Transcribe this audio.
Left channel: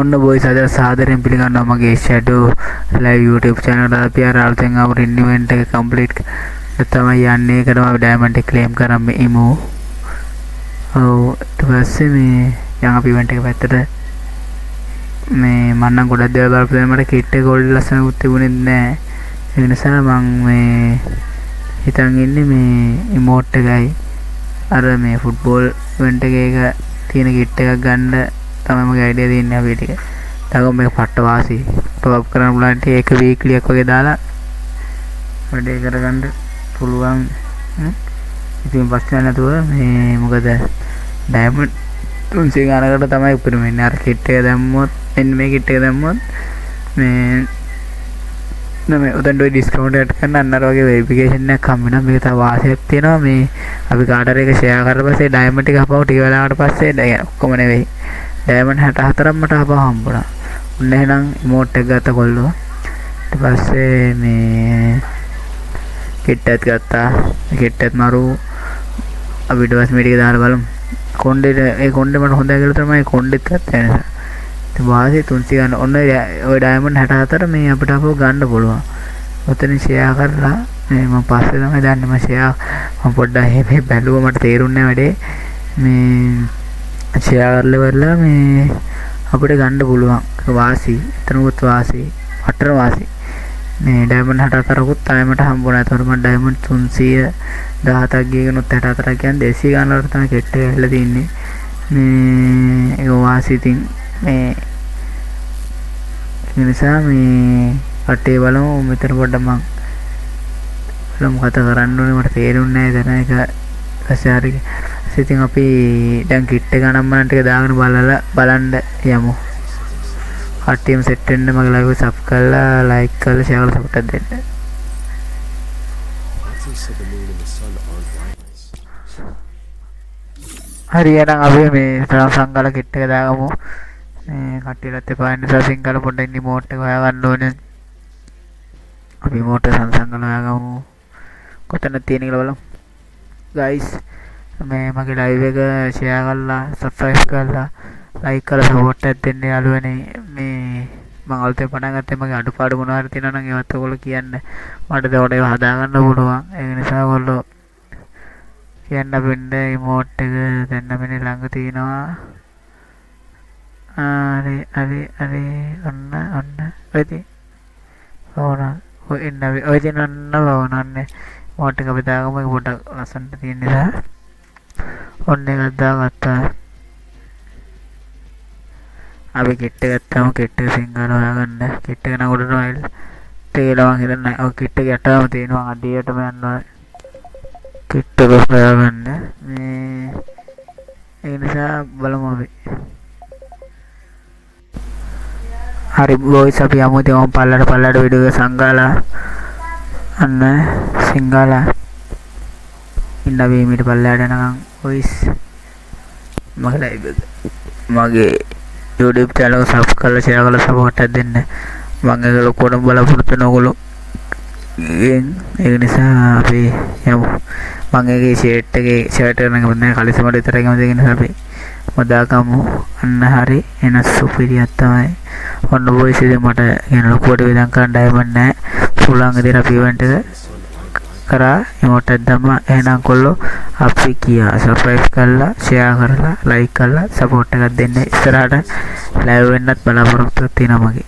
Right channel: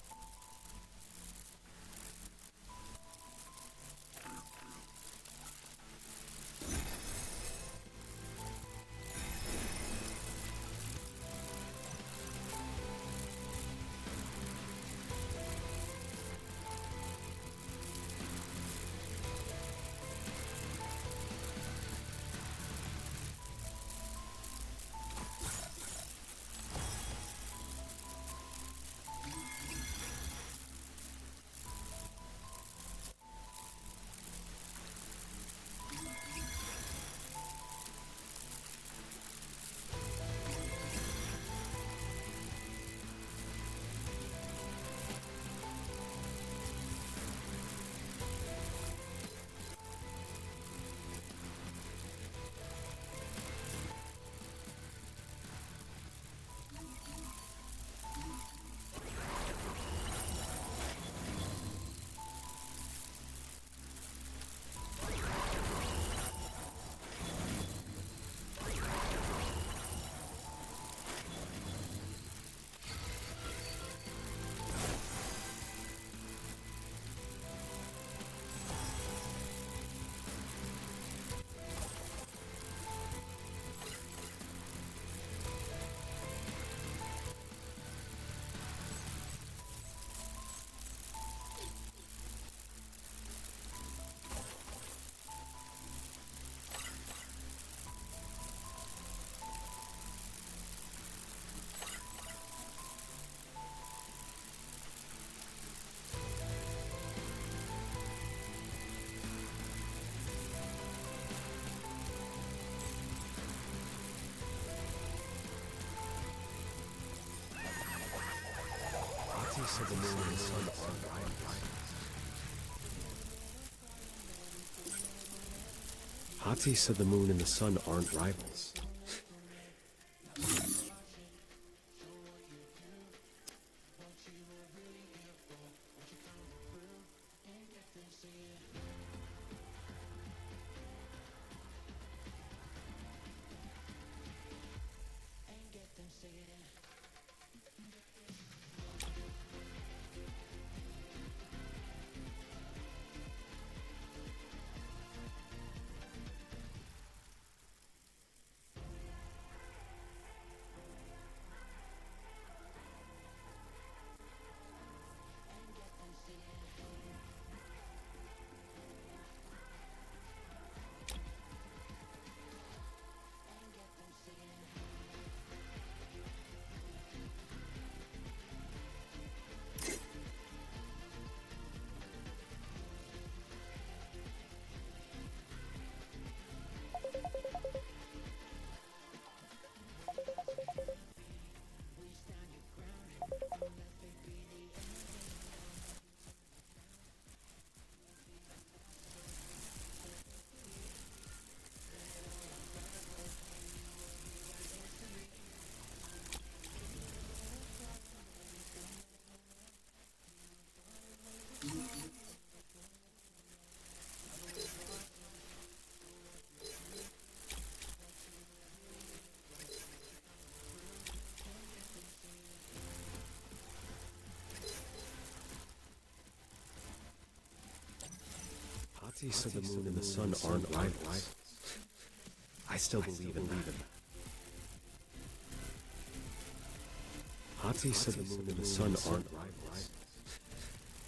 ඔන්න බොයිස් අද සාදරයෙන් පිළිගන්නවා මගේ ෂැඩෝ ලයිව් YouTube channel එකට. අපි අර අලුතෙන් ආපු ඉවෙන්ට් එක කම්ප්ලීට් තමයි යන්නේ. ඒකටම අපි ඩයමන්ඩ් එක ක්ලේම් කරන් මේ ඉමු. ඔව් ඊට පස්සේ මේ යන් අපි ඉවෙන්ට් එක පැත්තට මේ මම නම් ගොඩක් දේවල් බලපුවා. මට කිට් එක ගොල්ඩ් ලස්සනකුත් තිබුණේ නැහැ. ඒ නිසා මම මේ හිතන් ඉන්නේ මේ ඉමෝට් එකයි අර මේ ෆුට්බෝල් ඉවෙන්ට් එකේ තියෙන කිට් එකක් ගන්න තමයි මගේ අයිඩියා දෙන්නේ අපි ටික. තාම මේක පට්ට වාසි. ටොප් කරන්න පුළුවන් ටි එක වීක්ලි එකක් වගේ දාලා වැඩේ කරගන්න පුළුවන්. ඉතින් පස්සේ නැතුව මේ මොකද ඩයමන්ඩ් 300 ගානකට තමයි උපරිම වෙන්නේ. අර කිට් එක දැම්මොත් මෙන්න මේ කිට් එක දැම්මොත් මේ නම උදෙන් ඩිස්කවුන්ට් එකක් ගන්න අන්නර වගේ වෙරිෆිකේෂන් එකක් හම්බ වෙනවා. මේක තව වාසියක් තියෙනවා. මේ අපි කාටර එක ෂෙයා කරලා පස්සේ ඩයමන්ඩ් එක හපව ටික වෙලාවකට පස්සේ ඔක්කොම නෙවෙයි ඩයමන්ඩ් 64ක් මට හපව හම්බුණා. ඔන්න එහෙනම් ඉමෝට් එක ගත්ත කොල්ලෝ. ඊට පස්සේ මේ කිට් එකත් ගත්තා. කිට් එකත් මරු අපිට පස්සේ මේ ටික දාලා බලමු. ඒ කොණ්ඩේ මට හොඳයි කියලා තමයි කොණ්ඩෙත් ගත්තා නේද. ඉතින් වාසිය 300 ගන්න. ඔන්න ඔය ඩයමන්ඩ් 64 මේ අපිට අපව ගන්න පුළුවන්. ඔතන ෂෙයා කරලා මේ මම පස්සේ තමයි දන්නේ මම ෂෙයා මම පොඩ්ඩක් මේ බැලුවා මට තේරුන්නේ වැඩේ. මේ ෂෙයා කරලා වෙලා මේ අපිට ගන්න පුළුවන්. වාසි එතනකුත් වාසි අටර වාසි. මේ ඩයමන්ඩ් 64කුත් තමයි මට හම්බුණා. ඒතකොට මම ඩයමන්ඩ් 317ක් ගියගෙනුත් 64ක් කියන්නේ 200 ගාන වලට තමයි කෙට් එක ඇවිල්ලා තින්නේ. මේ ඒක වාසි ඉතින් මේ ඒ නිසා මේ කටේ බලමු මෙතන පොඩ්ඩක් මම මොකද කරන්න ඕනේ මට තේරුන්නේ නැහැ. දැන් ඒක පස්සේ හරි ඉතින් අපි දැන් කිට් එක නම්මන ටික දාගෙන බලන්න යමු. කට්ටියම සෙට් වෙන්න මගේ ලයිව් එක සබ් කරලා ලයික් කරලා ෂෙයා කරලා සපෝට් එකක් දෙන්න. හරි එහෙනම් අපි මේ සංගල කිට් එක දාගමු. මේ කට්ටියලත් එපා නිසා සිංගල පොඩ්ඩක් ඉමෝට් එක හොයාගන්න ඕනේ. අපි ඉමෝට් එක සංගල හොයාගමු. කොතනද තියෙන කියලා බලමු. guys මේ මගේ ලයිව් එක ෂෙයා කරලා සබ්ස්ක්‍රයිබ් කරලා ලයික් කරලා සපෝට් එකක් දෙන්න යාළුවනේ. මේ මම අලුතෙන් පටන් ගත්තේ මගේ අඩුපාඩු මොනවා හරි තියෙනවා නම් ඒවත් ඔයගොල්ලෝ කියන්න. මට ඒකට ඒවා හදාගන්න පුළුවන්. ඒ නිසා ඔයගොල්ලෝ කියන්න බෙන්න ඉමෝට් එක දැන් අපේ ළඟ තියෙනවා. අරේ ඔන්න වෙති. ඕන ඔය ඉන්න ඔය දින ඔන්න වවනන්නේ. ඉමෝට් එක අපි දාගමු. ඒක පොඩ්ඩක් ලස්සනට තියෙන නිසා ඔන්න එකක් දාගත්තා. අපි කිට් එක ගත්තාම කිට් එක සිංගල හොයාගන්න. කිට් එක නම් උඩට වයිල් තේලවන් හිතන්නේ. ඔය කිට් එක යටම තියෙනවා. අඩියටම යනවා. කිට් එක හොයාගන්න. මේ ඒ නිසා බලමු අපි. හරි බොයිස් අපි යමු. ඉතින් මම පල්ලට වීඩියෝ එක සංගාලා අන්න සිංගාලා ඉන්න අපි මීට පල්ලයට යනකම් බොයිස් මගේ ලයිව් එක මගේ YouTube channel එක සබ් කරලා ෂෙයා කරලා සපෝට් එකක් දෙන්න. මම ඒක ලොකුවටම බලාපොරොත්තු වෙන ඔයගොල්ලෝ. ඒ නිසා අපි යමු. මම ඒකේ ෂර්ට් එක නම් ගන්න කලිසමට විතරයි ගම දෙගෙන නිසා අපි මදාකමු. අන්න හරි එන සුපිරියක් තමයි. ඔන්න බොයිස් ඉතින් මට කියන ලොකුවට විදන් කරන්න ඩයමන්ඩ් නැහැ. පුළුවන් විදිහට අපි ඉවෙන්ට් එක කරා ඉමෝට් එක දැම්මා. එහෙනම් කොල්ලෝ අපි කියා සබ්ස්ක්‍රයිබ් කරලා ෂෙයා කරලා ලයික් කරලා සපෝට් එකක් දෙන්න. ඉස්සරහට ලයිව් වෙන්නත් බලාපොරොත්තු වෙනවා මගේ.